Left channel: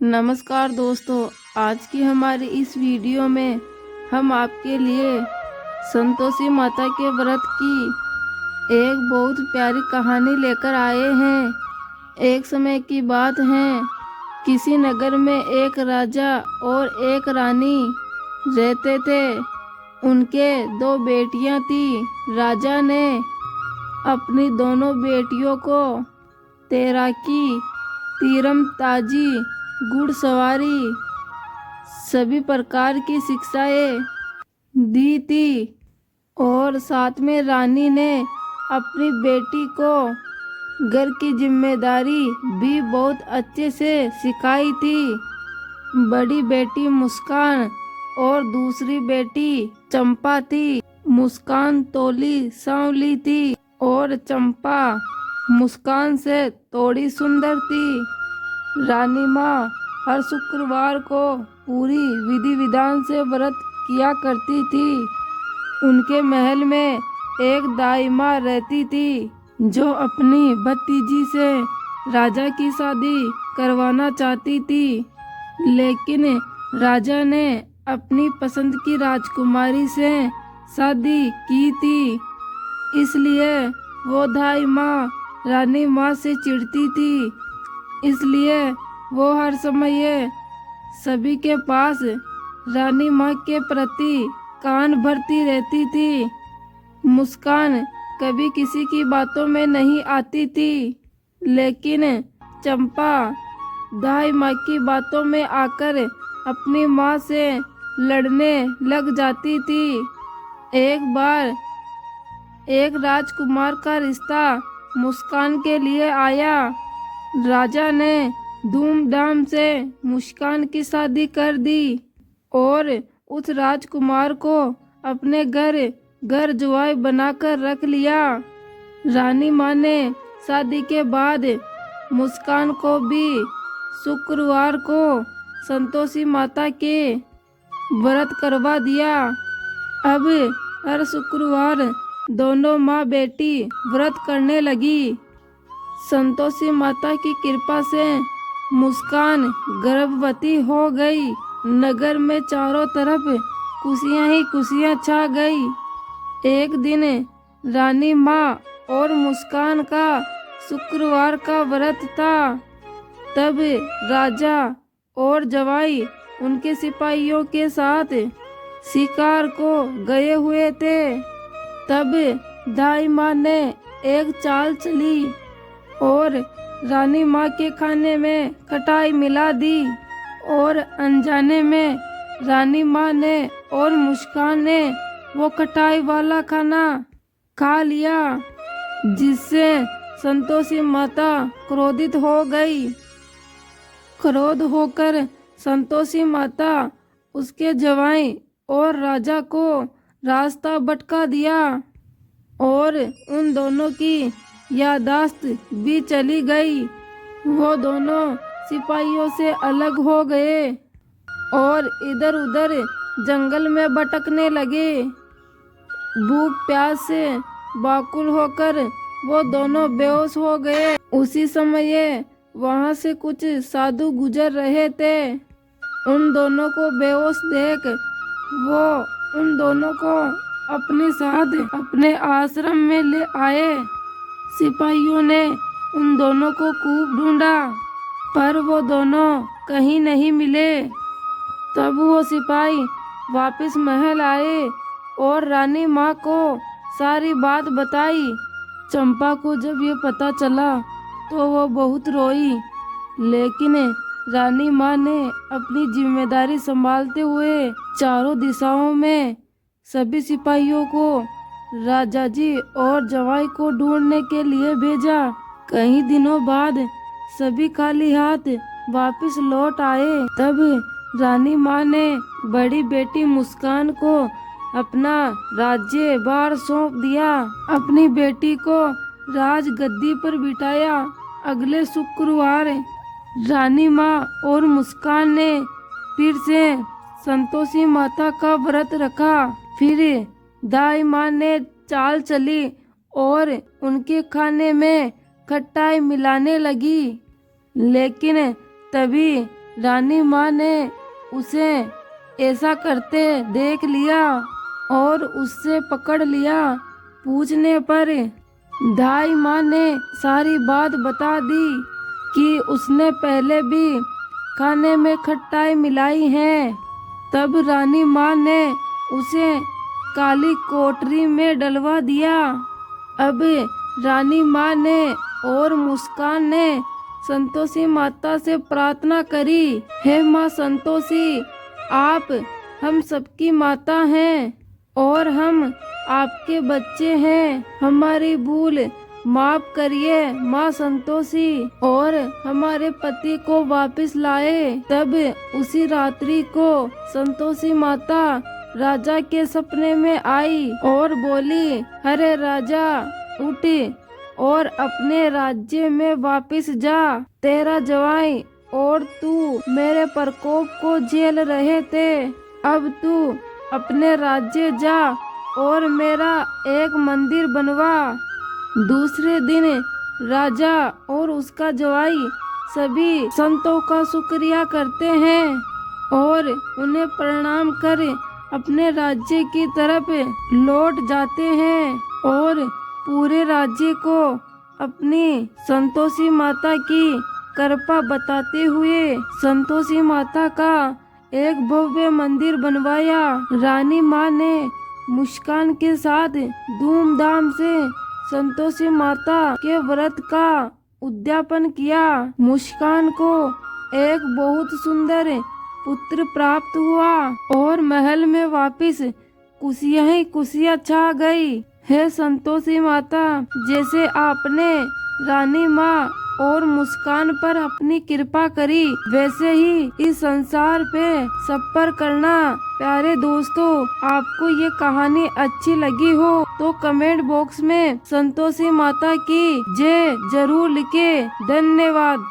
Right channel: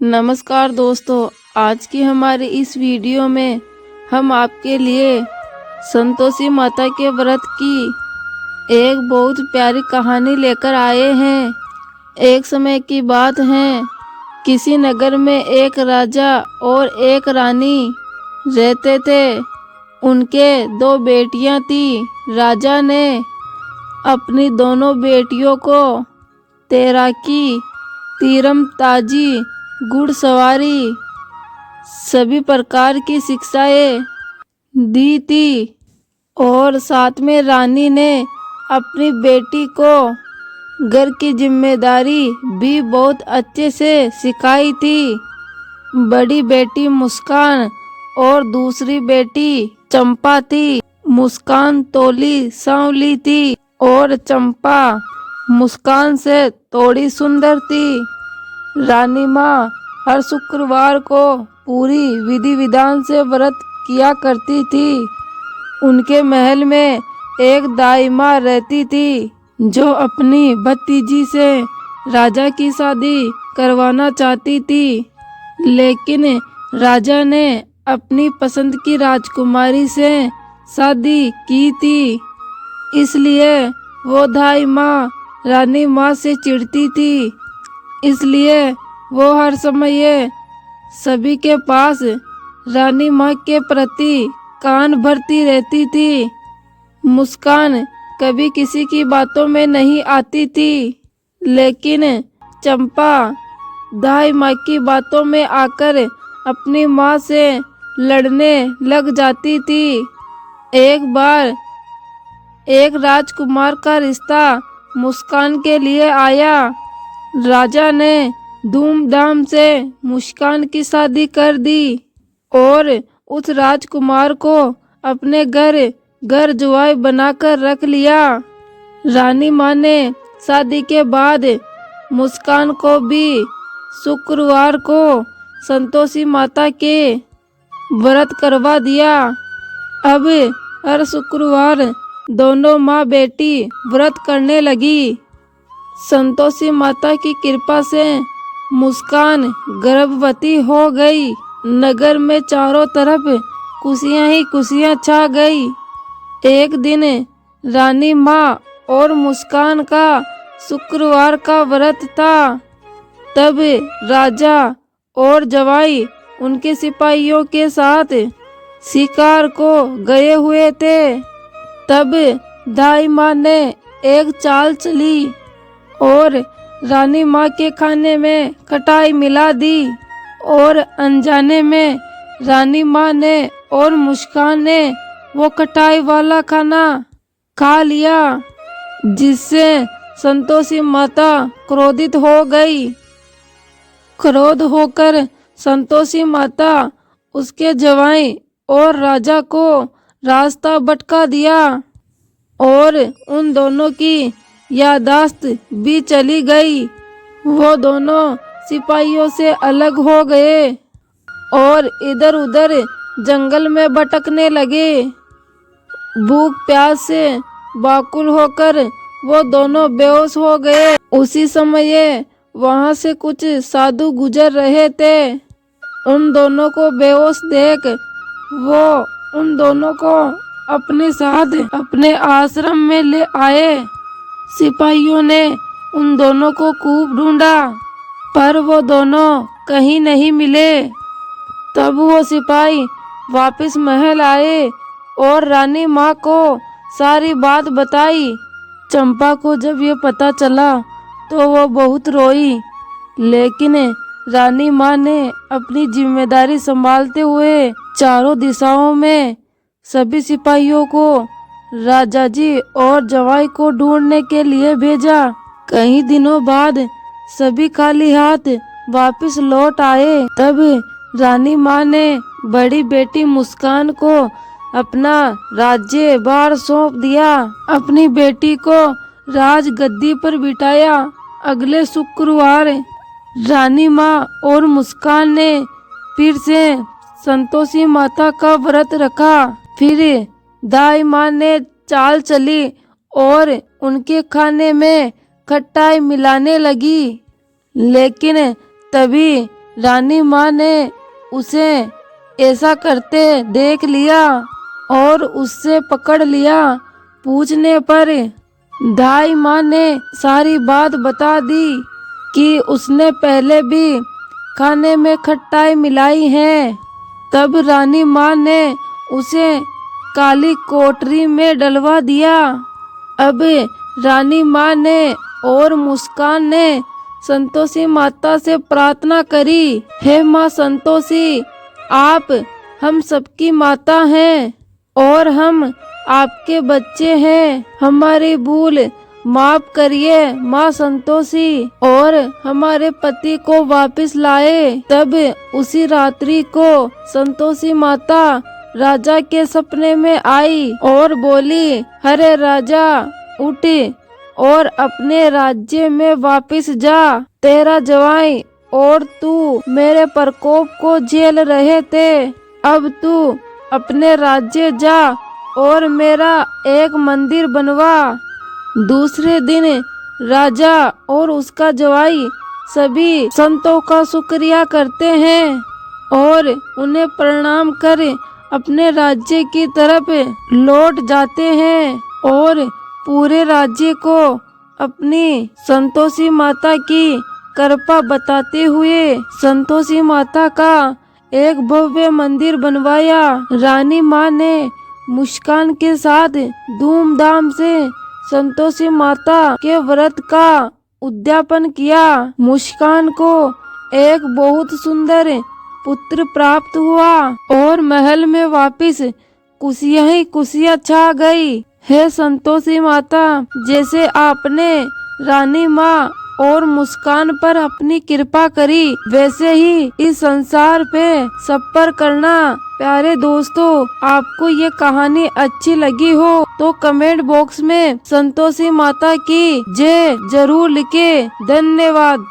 नमस्कार दोस्तों, आज की हमारी इस वीडियो में हम आपके लिए संतोषी माता के व्रत की एक बहुत प्यारी कहानी लेकर आए हैं। एक समय की बात है, किसी नगर में एक राजा और एक रानी रहते थे। उनके दो बेटियां थी। राजा ने अपनी दोनों बेटियों को तैराकी, तीरंदाजी, घुड़सवारी सभी प्रकार की शिक्षाएं दी थी और साथ में रानी ने अपनी बेटी को घर की जिम्मेदारी भी बहुत अच्छे से सिखाई थी। बड़ी बेटी मुस्कान और दूसरी बेटी चंपा थी। मुस्कान तोली सांवली थी और चंपा मुस्कान से थोड़ी सुंदर थी। रानी माँ हर शुक्रवार को पूरी विधि विधान से व्रत किया करती थी। उनके महल में एक दाई माँ रहती थी जो अपनी भतीजी से राजा की शादी करवाना चाहती थी, लेकिन राजा ने अपनी पसंद की राजकुमारी से शादी की थी। इसलिए वो दाई माँ रानी माँ से चिढ़ती थी। इसलिए वो हर समय सभी के पास रानी माँ के प्रति कान भरती रहती थी। मुस्कान कभी किसी की बातों में नहीं आती थी, लेकिन चंपा दाई माँ की बातों में आकर अपनी माँ से लड़ने लग जाती थी। एक बार एक राजकुमार का रिश्ता मुस्कान के लिए आया। राजा ने धूमधाम से मुस्कान की शादी कर दी और उस राजकुमार को अपने घर जुआई बनाकर रख लिया। रानी माँ ने शादी के बाद मुस्कान को भी शुक्रवार को संतोषी माता के व्रत करवा दिया। अब हर शुक्रवार दोनों माँ बेटी व्रत करने लगी। संतोषी माता की कृपा से मुस्कान गर्भवती हो गई। नगर में चारों तरफ खुशियां ही खुशियां छा गई। एक दिन रानी माँ और मुस्कान का शुक्रवार का व्रत था। तब राजा और जवाई उनके सिपाहियों के साथ शिकार को गए हुए थे। तब दाई माँ ने एक चाल चली और रानी माँ के खाने में खटाई मिला दी और अनजाने में रानी माँ ने और मुस्कान ने वो खटाई वाला खाना खा लिया, जिससे संतोषी माता क्रोधित हो गई। क्रोध होकर संतोषी माता उसके जवाई और राजा को रास्ता भटका दिया और उन दोनों की याददाश्त भी चली गई। वो दोनों सिपाहियों से अलग हो गए और इधर उधर जंगल में भटकने लगे। भूख प्यास से व्याकुल होकर वो दोनों बेहोश हो गए। उसी समय वहां से कुछ साधु गुजर रहे थे। उन दोनों को बेहोश देख वो उन दोनों को अपने साथ अपने आश्रम में ले आए। सिपाहियों ने उन दोनों को खूब ढूंढा, पर वो दोनों कहीं नहीं मिले। तब वो सिपाही वापस महल आए और रानी माँ को सारी बात बताई। चंपा को जब ये पता चला तो वो बहुत रोई, लेकिन रानी माँ ने अपनी जिम्मेदारी संभालते हुए चारों दिशाओं में सभी सिपाहियों को राजा जी और जवाई को ढूंढने के लिए भेजा। कई दिनों बाद सभी खाली हाथ वापस लौट आए। तब रानी माँ ने बड़ी बेटी मुस्कान को अपना राज्य भार सौंप दिया। अपनी बेटी को राज गद्दी पर बिठाया। अगले शुक्रवार रानी माँ और मुस्कान ने फिर से संतोषी माता का व्रत रखा। फिर दाई माँ ने चाल चली और उनके खाने में खटाई मिलाने लगी, लेकिन तभी रानी माँ ने उसे ऐसा करते देख लिया और उससे पकड़ लिया। पूछने पर दाई माँ ने सारी बात बता दी कि उसने पहले भी खाने में खटाई मिलाई है। तब रानी माँ ने उसे काली कोठरी में डलवा दिया। अब रानी माँ ने और मुस्कान ने संतोषी माता से प्रार्थना करी, हे माँ संतोषी, आप हम सबकी माता हैं और हम आपके बच्चे हैं। हमारी भूल माफ करिए माँ संतोषी और हमारे पति को वापस लाए। तब उसी रात्रि को संतोषी माता राजा के सपने में आई और बोली, अरे राजा उठ और अपने राज्य में वापस जा। तेरा जवाई और तू मेरे प्रकोप को झेल रहे थे। अब तू अपने राज्य जा और मेरा एक मंदिर बनवा। दूसरे दिन राजा और उसका जवाई सभी संतों का शुक्रिया करते हैं और उन्हें प्रणाम कर अपने राज्य की तरफ लौट जाते हैं और पूरे राज्य को अपनी संतोषी माता की कृपा बताते हुए संतोषी माता का एक भव्य मंदिर बनवाया। रानी माँ ने मुस्कान के साथ धूमधाम से संतोषी माता के व्रत का उद्यापन किया। मुस्कान को एक बहुत सुंदर पुत्र प्राप्त हुआ और महल में वापस खुशियां ही खुशियां छा गई। हे संतोषी माता, जैसे आपने रानी माँ और मुस्कान पर अपनी कृपा करी, वैसे ही इस संसार पे सब पर करना। प्यारे दोस्तों, आपको ये कहानी अच्छी लगी हो तो कमेंट बॉक्स में संतोषी माता की जय जरूर लिखे। धन्यवाद।